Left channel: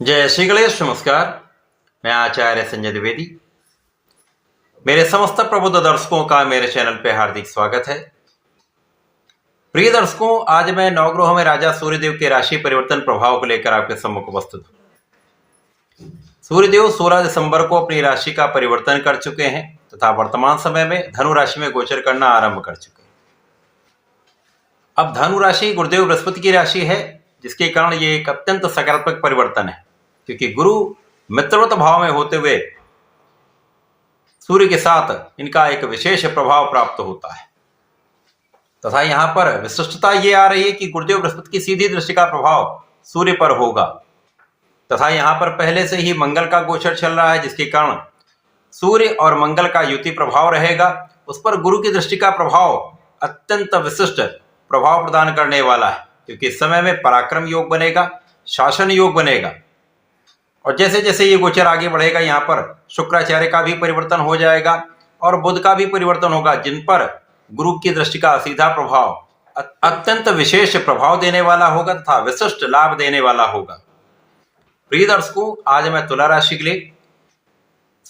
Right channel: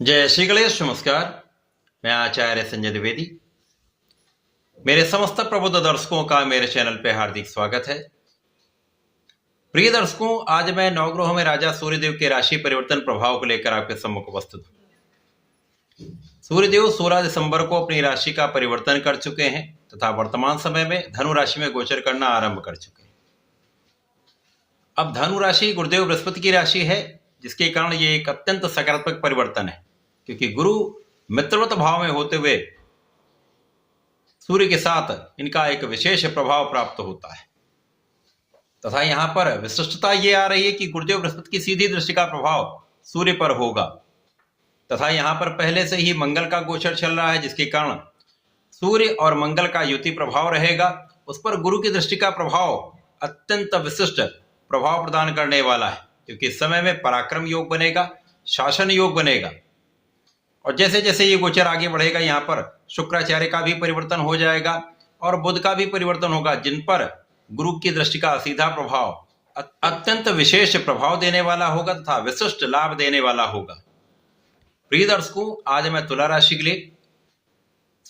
जय श्री गणेश। नमस्कार, मैं आचार्य संजय द्विवेदी। मेरे समस्त प्रबुद्ध दर्शकों का मेरे चैनल पे हार्दिक स्वागत है। प्रिय दर्शकों, आज मैं नवग्रहों में राजा सूर्यदेव के राशि परिवर्तन प्रभाव को लेकर आपके सम्मुख उपस्थित हूं। सूर्यदेव 16 दिसंबर को अपनी राशि का परिवर्तन कर चुके हैं तथा वर्तमान समय में धनु राशि में गोचर करना आरंभ कर चुके हैं। अब धनु राशि गुरुदेव बृहस्पति की राशि है, जिसके कारण ये एक अत्यंत सकारात्मक परिवर्तन है, क्योंकि गुरु मित्रवत भाव में होते हुए सूर्य के साथ इनका एक विशेष प्रभाव प्राप्त होता है। तथा यहां पर विशिष्टता ये आ रही है कि गुरुदेव बृहस्पति की सीधी दृष्टि का प्रभाव सूर्य पर होगा तथा यहां पर पहले से ही मंगल का गोचर चल रहा है, जिसके कारण सूर्य और मंगल का युति प्रभाव रहेगा। उस पर गुरु की दृष्टि का प्रभाव अत्यंत विशिष्ट प्रभाव प्रदान करने वाला है, क्योंकि इस समय में पराक्रम योग बनेगा, शासन योग बनेगा। और जैसे जैसे ये गोचर आगे बढ़ेगा, यहाँ पर शुक्राचार्य का भी परिवर्तन हो जाएगा और बुध का भी परिवर्तन होगा, जिन पर गुरु की दृष्टि का सीधा प्रभाव अत्यंत विशेष प्रभाव देने वाला होगा तथा विशिष्ट लाभ देने वाला होगा। प्रिय दर्शकों, आज मैं तुला राशि के लिए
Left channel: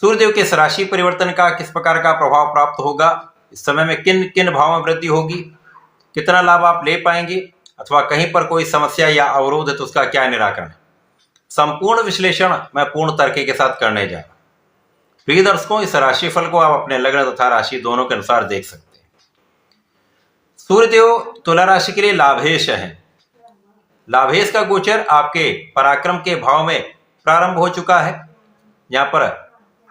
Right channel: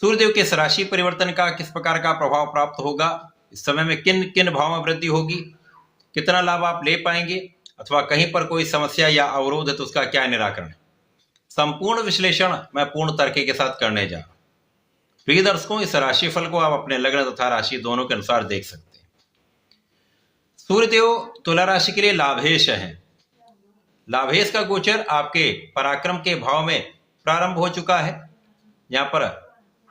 सूर्यदेव के इस राशि परिवर्तन का किस प्रकार का प्रभाव प्राप्त होगा, इस समय में किन किन भावों में वृद्धि होगी, कितना लाभ आप ले पाएंगे अथवा कहीं पर कोई समस्या या अवरोध है तो उसका क्या निराकरण, संपूर्ण विश्लेषण मैं पूर्ण तर्क के साथ करने जा रहा हूं। प्रिय दर्शकों, इस राशिफल को आप अपने लग्न तथा राशि दोनों के अनुसार देख सकते हैं। सूर्यदेव तुला राशि के लिए लाभेश है। लाभेश का गोचर आपके पराक्रम के भाव में प्रारंभ हो चुका है। यहाँ पर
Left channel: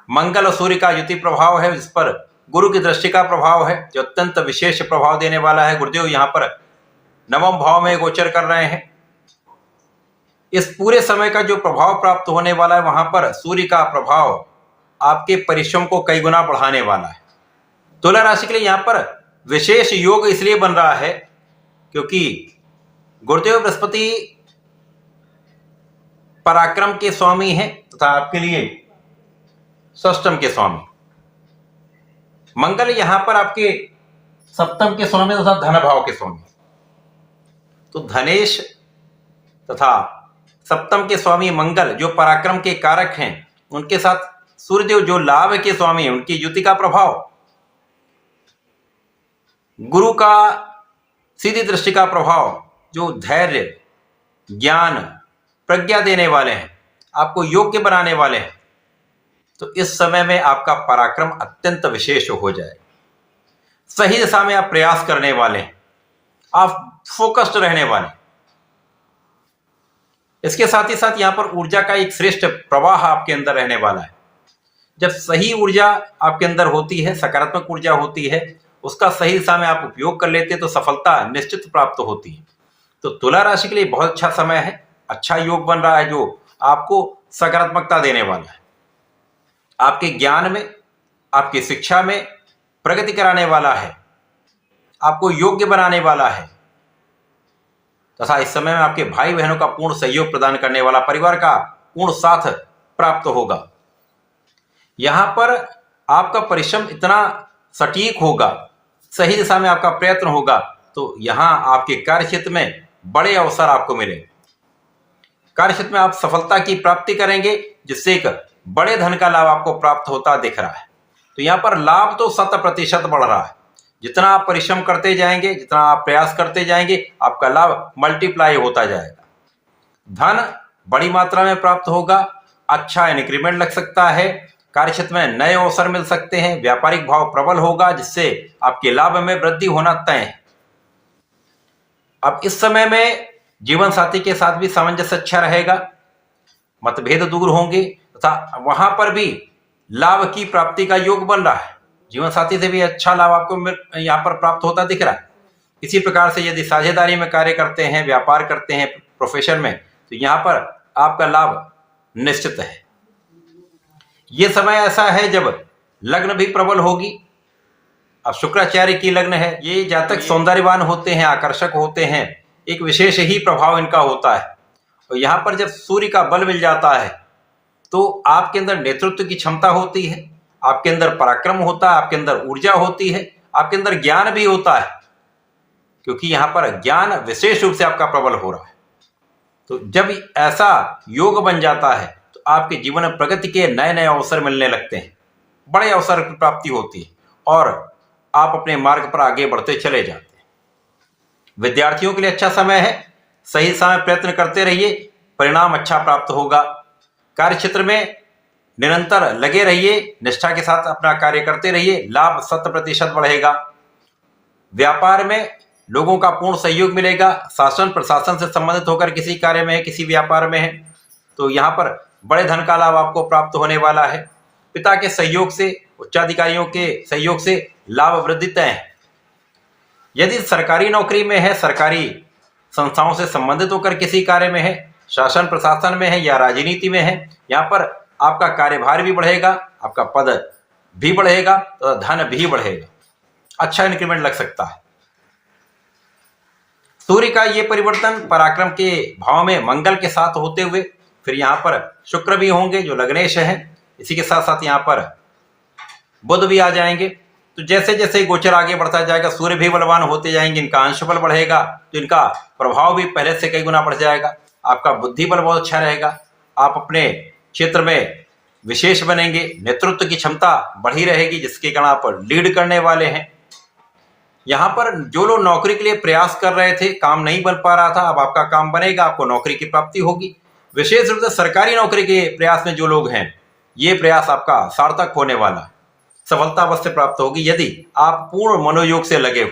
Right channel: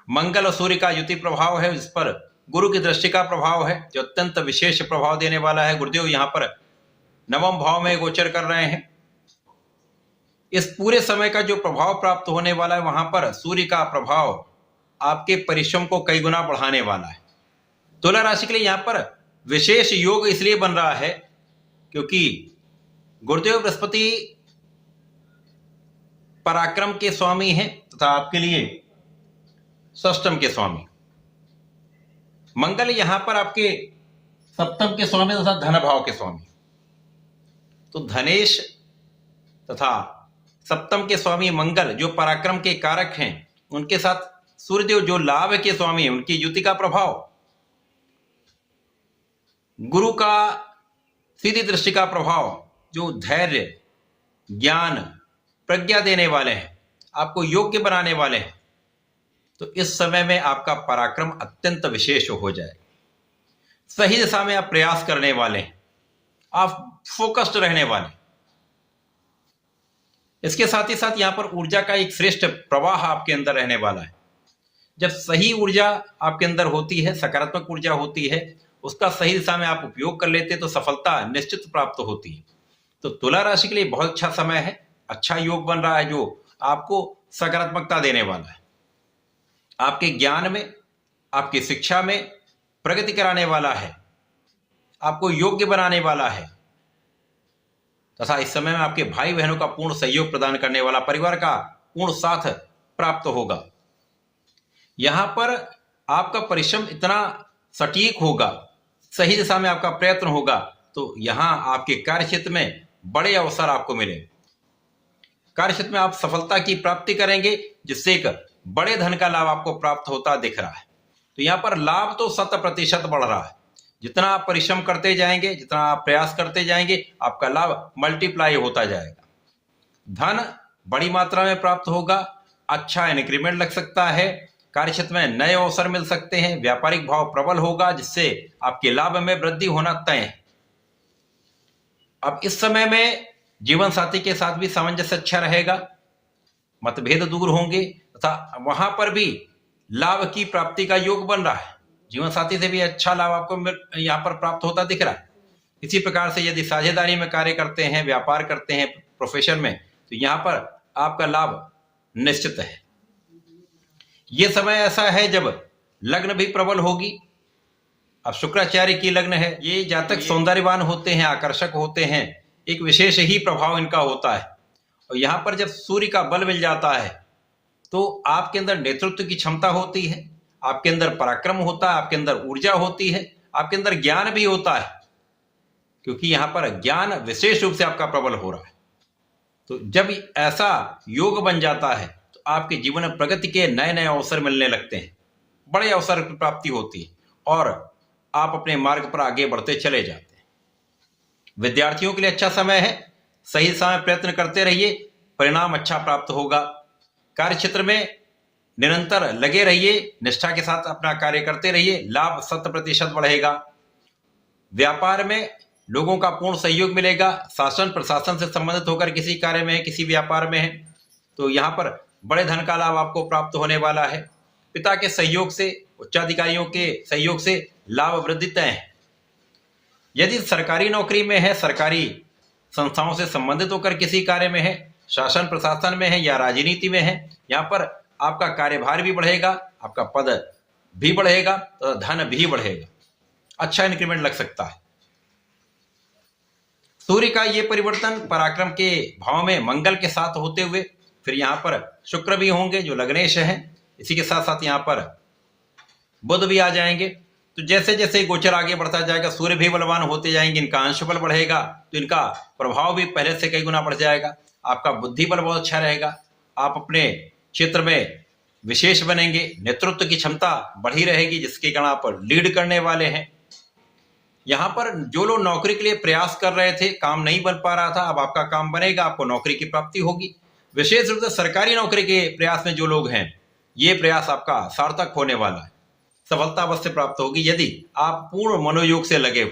मंगल और सूर्य का युति प्रभाव है, जिस पर गुरु की दृष्टि का प्रभाव है, जो अत्यंत विशेष प्रभाव देने वाला है। गुरुदेव यहाँ पर नवम भाव में गोचर कर रहे हैं। इस पूरे समय का जो प्रभाव प्राप्त होने वाला है, वहां पर सूर्य का प्रभाव आपके परिश्रम को कई गुना बढ़ाने वाला है। तुला राशि के लिए यहां पर विशेष योग इसलिए बन रहा है क्योंकि गुरुदेव बृहस्पति पराक्रम के स्वामी हैं तथा आपके लिए षष्टम के स्वामी। मंगल यहां पर आपके सप्तम के स्वामी तथा धन भाव के स्वामी। तो धनेश तथा सप्तम के स्वामी मंगल जो पराक्रम के कारक हैं, उनके साथ सूर्यदेव जो लाभ के स्वामी हैं, उनकी युति का प्रभाव, गुरु का सीधी दृष्टि का प्रभाव, जो धैर्य, ज्ञान, प्रज्ञा देने वाले हैं, आपको योग्य बनाने वाले हैं। तो इस समय में आपका पराक्रम अत्यंत विशेष हो जाएगा। सही दिशा में आप प्रयास करने वाले हैं, आप फोकस्ड रहने वाले। इसके साथ ही साथ यहां पर ऊर्जा का एक श्रेष्ठ प्रवाह आपके अंदर रहने वाला है। जब सही ऊर्जा आपके अंदर होती है, सकारात्मक ऊर्जा होती है, उसका सही दिशा में आप उपयोग कर लेते हैं तो सफलता निश्चित प्राप्त होती है। तो तुला राशि के लिए बहुत अच्छा समय है, अच्छा योग बन रहा है, जो आपको सकारात्मकता देने वाला है, आपके ज्ञान में, आपकी शिक्षा में प्रगति कराने वाला है, आपको योग्य बनाने वाला है तथा इस समय में आपके भाई बहनों का पूर्ण सहयोग प्रदान करने वाला, परिवार का पूर्ण साथ प्राप्त होगा। यहां पर आपका परिश्रम इतना सटीक होगा, सही दिशा में आपका प्रयत्न होगा, तो यहां आपके कार्यक्षेत्र में बड़े अवसर आपको मिलेंगे। कार्यक्षेत्र में आप सफलता की प्राप्ति करेंगे, जिससे एक बड़े धन का लाभ आपको प्राप्त होता दिख रहा है। तो यहां पर लाभ तो 100% बढ़ रहा है। जितना आप परिश्रम करते जाएंगे, जितना आप प्रयास करते जाएंगे, आपका लाभ मल्टीप्लाई होता जाएगा। धन बड़ी मात्रा में प्राप्त होगा, अच्छा इंक्रीमेंट लग सकता है, कार्यक्षेत्र में नए अवसर मिल सकते हैं, व्यापारिक भाव प्रबल होगा, जिससे आपके लाभ में वृद्धि होना तय है। अब इस समय में जीवन साथी के साथ भी सामंजस्य अच्छा रहेगा, मतभेद दूर होंगे तथा वहां पर भी लाभ की प्राप्ति का योग बन रहा है। जीवन साथी से भी अच्छा लाभ आपको यहाँ पर प्राप्त होता दिख रहा है। इसी प्रकार से यदि साझेदारी में कार्य करते हैं, व्यापार करते हैं, प्रोफेशन में, तो यहाँ पर आपका लाभ निश्चित है। ये समय ऐसा है जब लग्न भी प्रबल होगी। अब शुक्राचार्य की लग्न है, ये जातक सौंदर्यवान होते हैं, आकर्षक होते हैं, एक विशेष ही प्रभाव इनका होता है। और यहाँ पर जब सूर्य का बल मिल जाता है तो आपके अंदर नेतृत्व की क्षमता होती है, आपके अंदर पराक्रम होता है, आपके अंदर ऊर्जा होती है, आपके अंदर ज्ञान भी होता है, क्योंकि यहां पर ज्ञान विशेष रूप से आपका प्रबल हो रहा है। तो जब ऐसा योग बन जाता है तो आपके जीवन में प्रगति के नए नए अवसर मिलने लगते हैं, बड़े अवसर की प्राप्ति होती है और आप अपने मार्ग पर आगे बढ़ते चले जाते हैं। विद्यार्थियों के लिए अच्छा समय है, सही समय प्रयत्न करते रहिए, परिणाम अच्छा प्राप्त होगा। कार्य क्षेत्र में निरंतर लगे रहिए, निष्ठा के साथ अपना कार्य करते रहिए, लाभ 100% बढ़ेगा। व्यापार में लोगों का पूर्ण सहयोग मिलेगा। शासन प्रशासन से संबंधित होकर किसी कार्य में है, किसी व्यापार में है, तो यहाँ पर बड़े धन का लाभ आपको प्राप्त होने वाला है। पिता के सहयोग से, उच्चाधिकारियों के सहयोग से लाभ वृद्धि तय है। यदि सरकारी नौकरी में है, सरकारी संस्थाओं से संबंधित होकर किसी कार्य में है, शासन प्रशासन में है या राजनीति में है, यहाँ पर आपका कार्यभार भी बढ़ेगा, आपका पद भी बढ़ेगा तो धन भी बढ़ेगा, अच्छा इंक्रीमेंट लग सकता है। सूर्य का ये परिवर्तन पराक्रम के भाव में मंगल के साथ होते हुए फिर यहाँ पर शुक्र भी होंगे जो लग्नेश हैं, इसी के साथ साथ यहाँ पर बुध भी आ जाएंगे। तो जैसे जैसे गोचर आगे बढ़ता जाएगा सूर्य भी बलवान होते जाएंगे, इनका अंश बल बढ़ेगा तो इनका प्रभाव भी पहले से कई गुना बढ़ जाएगा। आपका बुद्धि बल बहुत अच्छा रहेगा, आप अपने क्षेत्र में विशेष बनेंगे, नेतृत्व की क्षमता बढ़ी रहेगी जिसके कारण आप लीड करने वाले हैं। यहाँ पर जो लोग नौकरी के लिए प्रयास कर रहे थे, काम नहीं बन पा रहा था, अब आपका काम बनेगा, आपको नौकरी की प्राप्ति होगी। विशेष रूप से सरकारी नौकरी के प्रयास में जो लोग हैं, ये प्रयास आपका सार्थक होने वाला, सफलता अवश्य प्राप्त होगी। यदि आप पूर्ण मनोयोग से लगे हो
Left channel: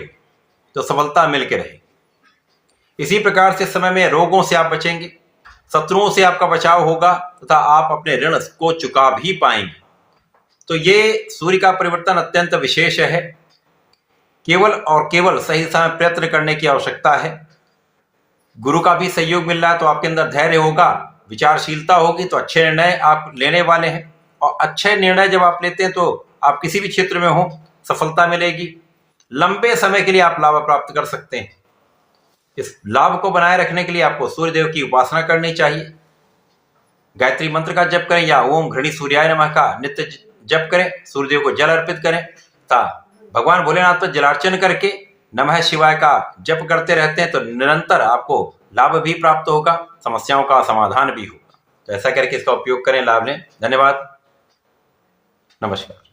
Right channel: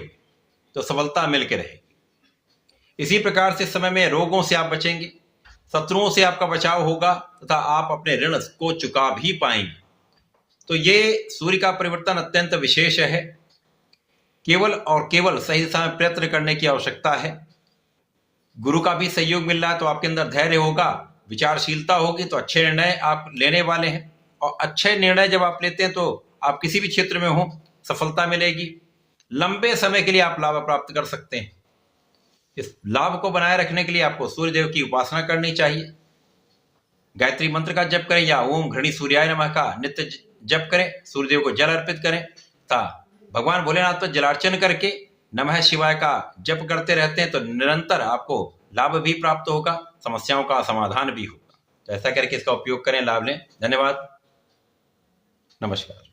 तो सफलता मिलकर रहेगी। इसी प्रकार से समय में रोगों से आप बचेंगे, शत्रुओं से आपका बचाव होगा तथा आप अपने ऋण को चुका भी पाएंगे। तो ये सूर्य का परिवर्तन अत्यंत विशेष है। केवल और केवल सही समय प्रयत्न करने की आवश्यकता है। गुरु का भी सहयोग मिल रहा है तो आपके अंदर धैर्य होगा, विचारशीलता होगी तो अच्छे निर्णय आप लेने वाले हैं। और अच्छे निर्णय जब आप लेते हैं तो आप किसी भी क्षेत्र में हो सफलता मिलेगी। लंबे समय के लिए आप लाभ प्राप्त कर सकते हैं। इस लाभ को बनाए रखने के लिए आपको सूर्यदेव की उपासना करनी चाहिए। गायत्री मंत्र का जप करें या ओम घृणी सूर्याय नमः का नित्य जप करें, सूर्यदेव को जल अर्पित करें तथा भगवान भोलेनाथ पर जलार्चन करके नमः शिवाय का जप करते रहते हैं तो निरंतर आपको लाभ भी प्राप्त होगा, समस्याओं का समाधान भी होगा। तो ऐसा करके इसका उपयोग करें, लाभ लें। धन्यवाद, नमस्कार।